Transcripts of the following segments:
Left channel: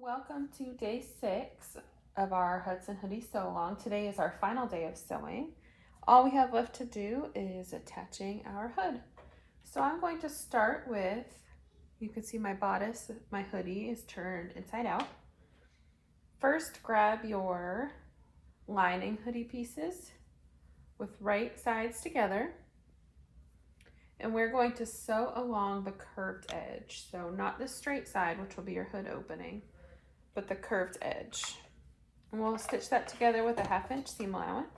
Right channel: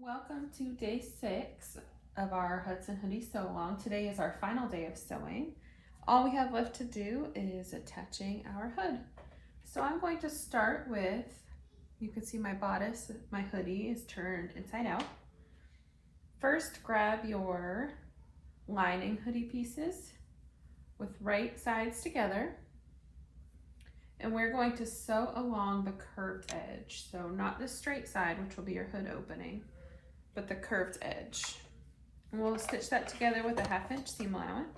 Welcome to day 6 of our Hudson Hoodie sew along. Today is our final day of sewing. All we have left to do is attaching our hood. So I'm going to start with, you can see my bodice, my hoodie is turned inside out. First, grab your lining hoodie pieces with right sides together. And we're going to sew along the curved edge. So not the straight side, which will be your hood opening, but the curved edge. And we'll stitch that together with a 1/2 inch seam allowance.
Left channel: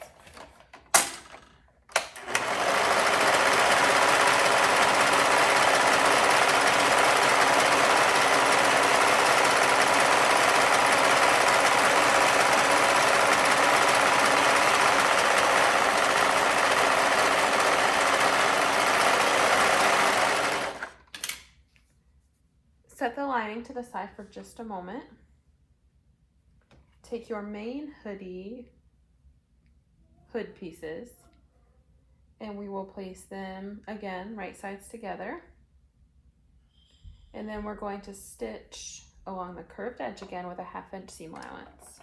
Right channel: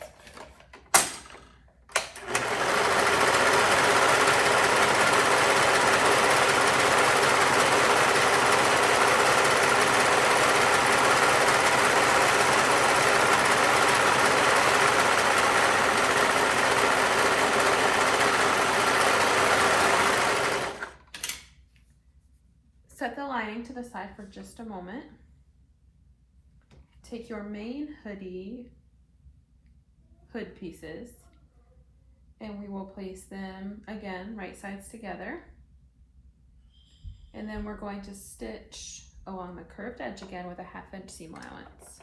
Set the lining to the side for just a moment. Take your main hoodie hood pieces and we will place them again right sides together. And then we're going to stitch along the curved edge again with a 1/2 inch seam allowance.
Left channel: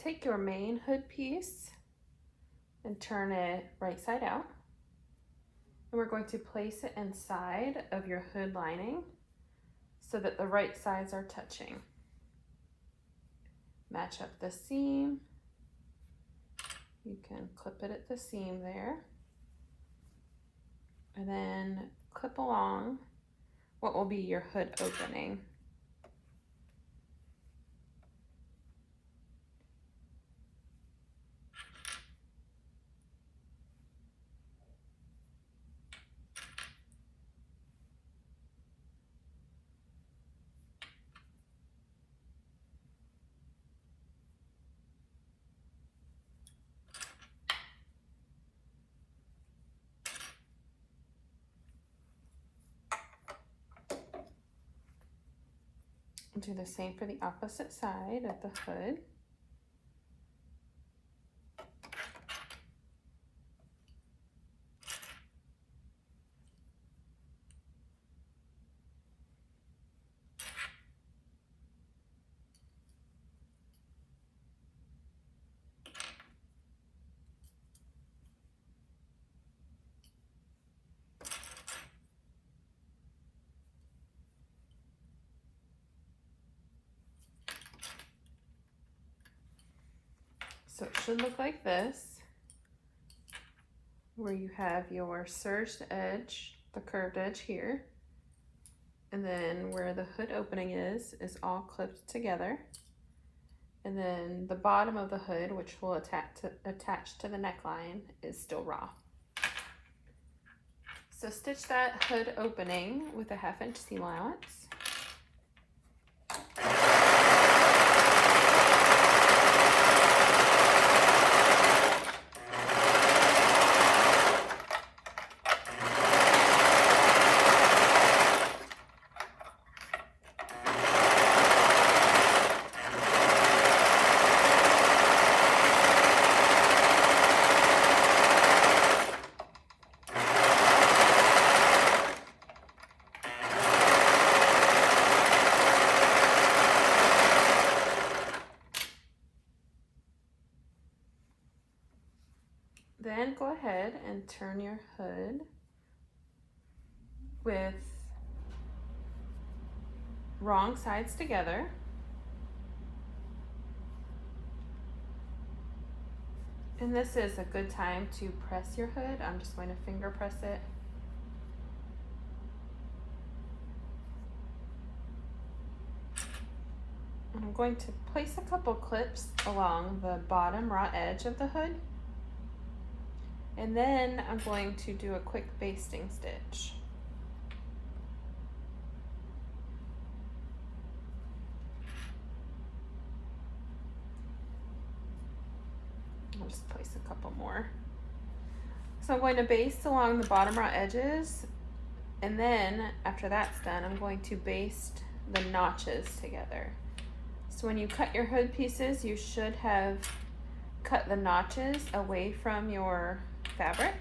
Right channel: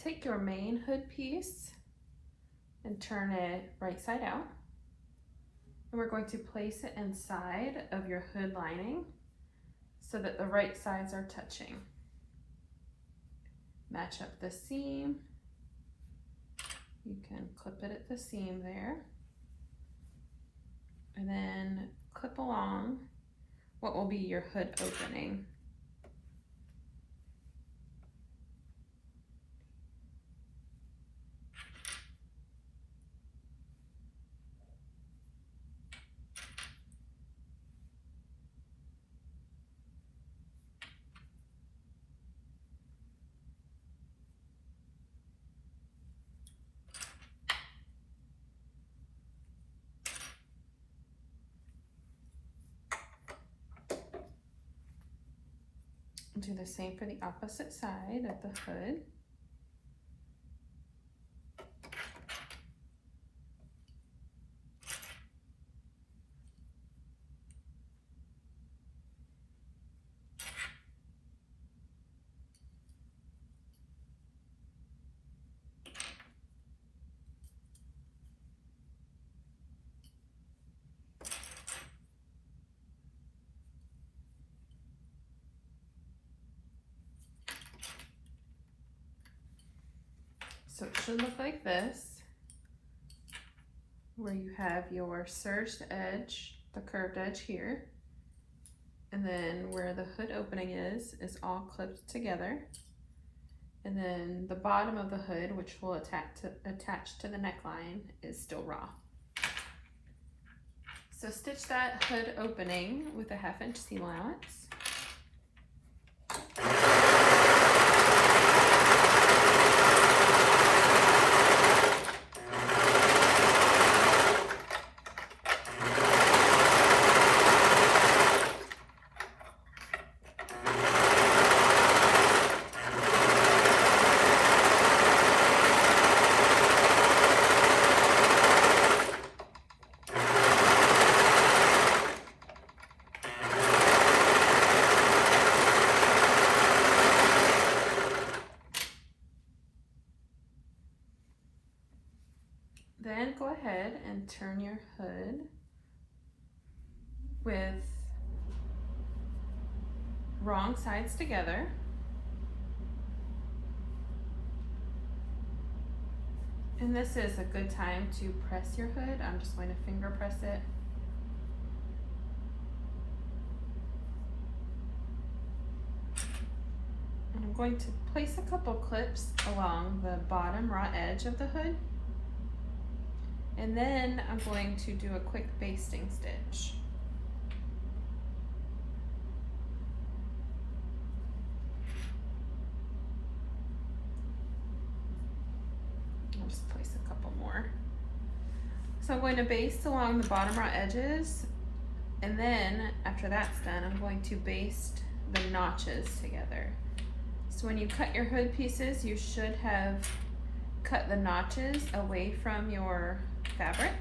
Take your main hood piece and turn it right side out. And we're going to place it inside of your hood lining so that the right sides are touching. Match up the seam. You can clip it at the seam there. And then clip along what will be your hood opening. Do the same for the opposite side of the hood. So it should look like this, where you have your serged edge, the curved edge here, and then where the hood opening is all clipped together. And then the bottom of the hood, which will attach to the neckline, is still raw. So stitch that hood opening with a 1/2 inch seam allowance. Then go ahead and turn your hood with wrong sides together. And this is a good time to press your hood. I'm just going to finger press it. And I'm going to place a couple clips along the bottom raw edge of the hood. And then I'm going to do a quick basting stitch. I'll just place a couple more. So I'm going to baste along the bottom raw edges, and then after that's done, I'm going to baste the notches together. So when you cut your hood pieces, you should have cut the notches away from your fabric.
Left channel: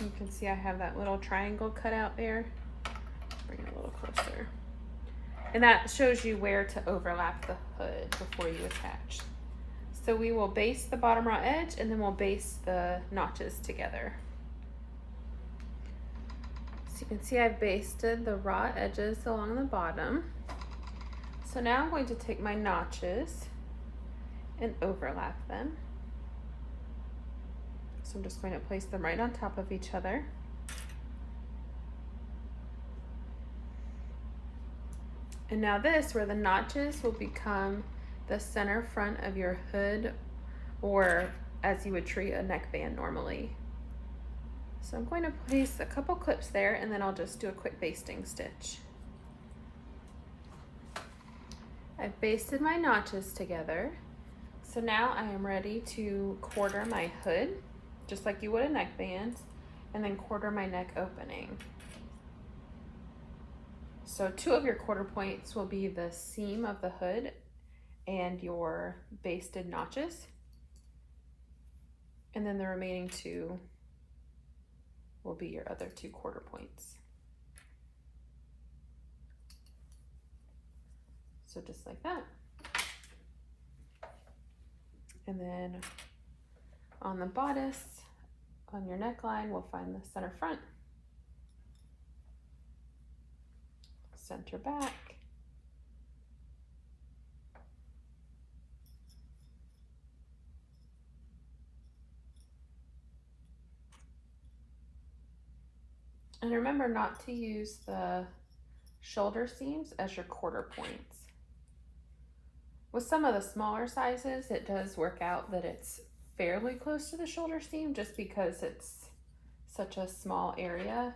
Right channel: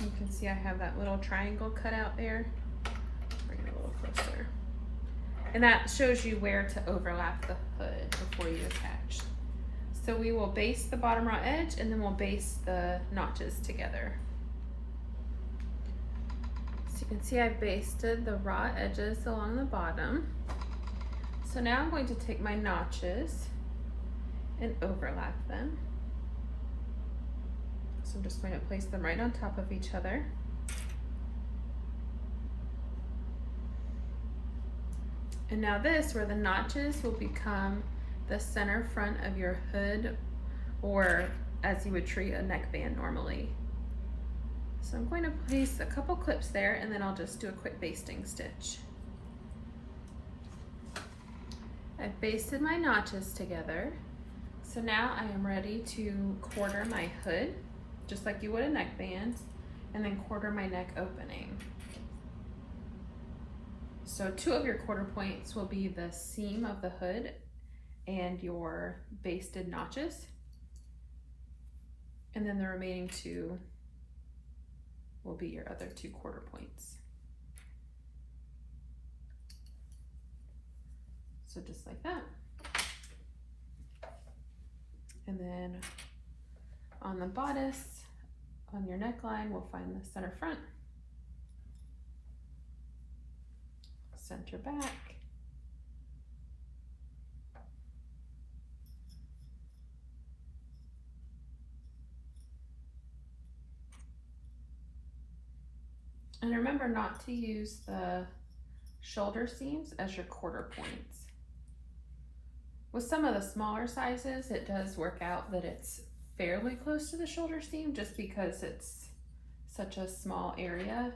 You can see I have that little triangle cut out there. Bring it a little closer. And that shows you where to overlap the hood before you attach. So we will baste the bottom raw edge, and then we'll baste the notches together. So you can see I've basted the raw edges along the bottom. So now I'm going to take my notches and overlap them. So I'm just going to place them right on top of each other. And now this, where the notches will become the center front of your hood, or as you would treat a neckband normally. So I'm going to place a couple clips there, and then I'll just do a quick basting stitch. I've basted my notches together. So now I am ready to quarter my hood, just like you would a neckband, and then quarter my neck opening. So 2 of your quarter points will be the seam of the hood and your basted notches. And then the remaining 2 will be your other 2 quarter points. So just like that. And then on the bodice, on your neckline, we'll find the center front, center back, and remember not to use the shoulder seams as your quarter points. With some of the smaller sizes, it does work out that it's fairly close to the shoulder seam just because it's such a small area,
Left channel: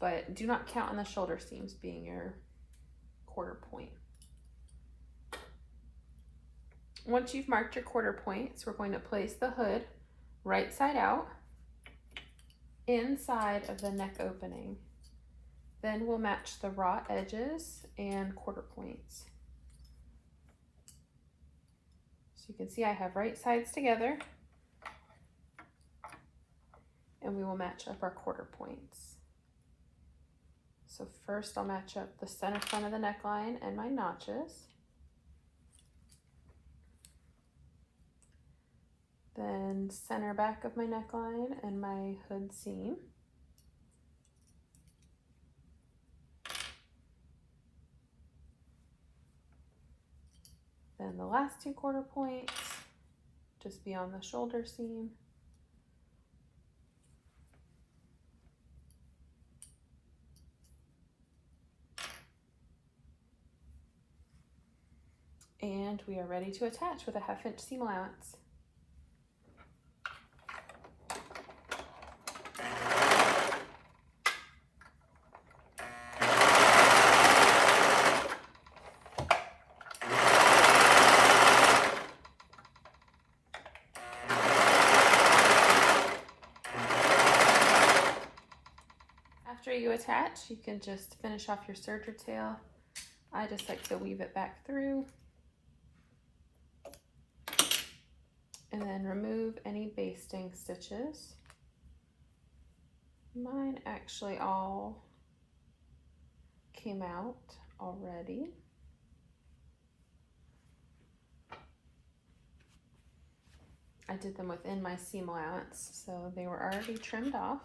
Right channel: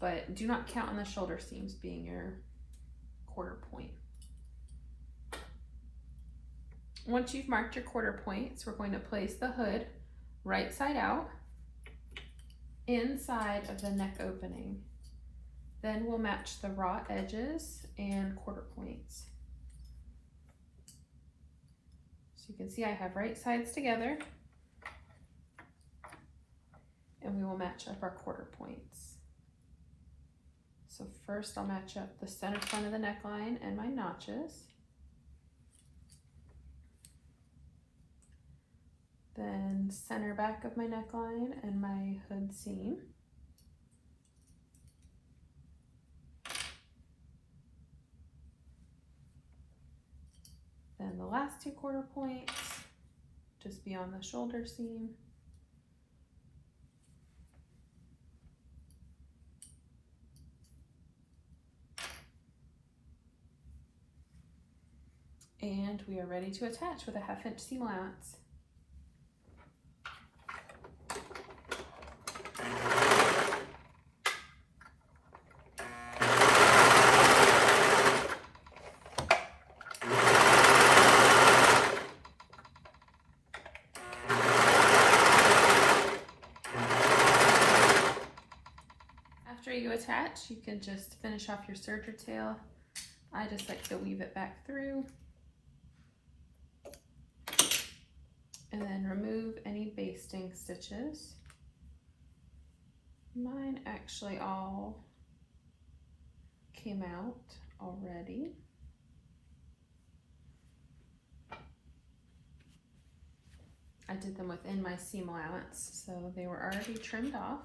but do not count on the shoulder seams being your quarter point. Once you've marked your quarter points, we're going to place the hood right side out inside of the neck opening. Then we'll match the raw edges and quarter points. So you can see I have right sides together, and we will match up our quarter points. So first I'll match up the center front of the neckline and my notches. Then center back of my neckline and my hood seam. Then the last 2 quarter points, just beyond the shoulder seam. And we are ready to attach with a 1/2 inch seam allowance. After you attach, you can just finish off your serger tail. I just like to weave it back through and then remove any basting stitches. Mine actually all came out already. I did them within my seam allowance, so they were already trimmed off.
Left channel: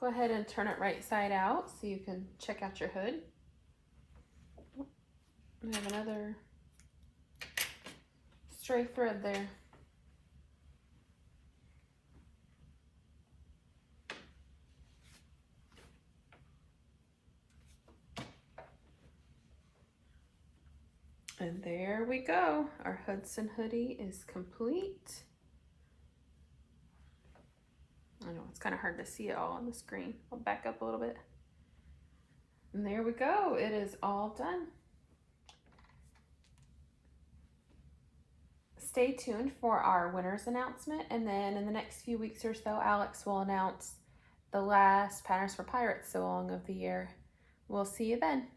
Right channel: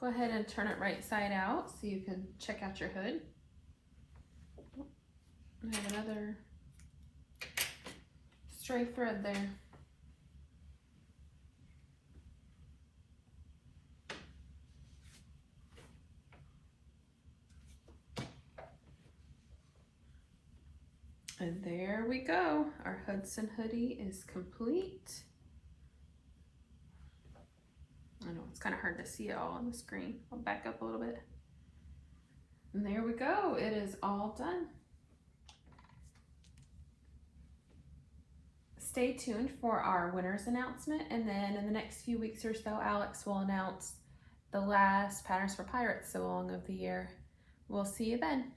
Go ahead and turn it right side out so you can check out your hood. We have another stray thread there. And there we go. Our Hudson hoodie is complete. I know it's kind of hard to see it all on the screen. I'll back up a little bit. And there we go. It is all done. stay tuned for our winners announcement, and then in the next few weeks or so, Alex will announce the last Patterns for Pirates sewing of the year. We'll see you then.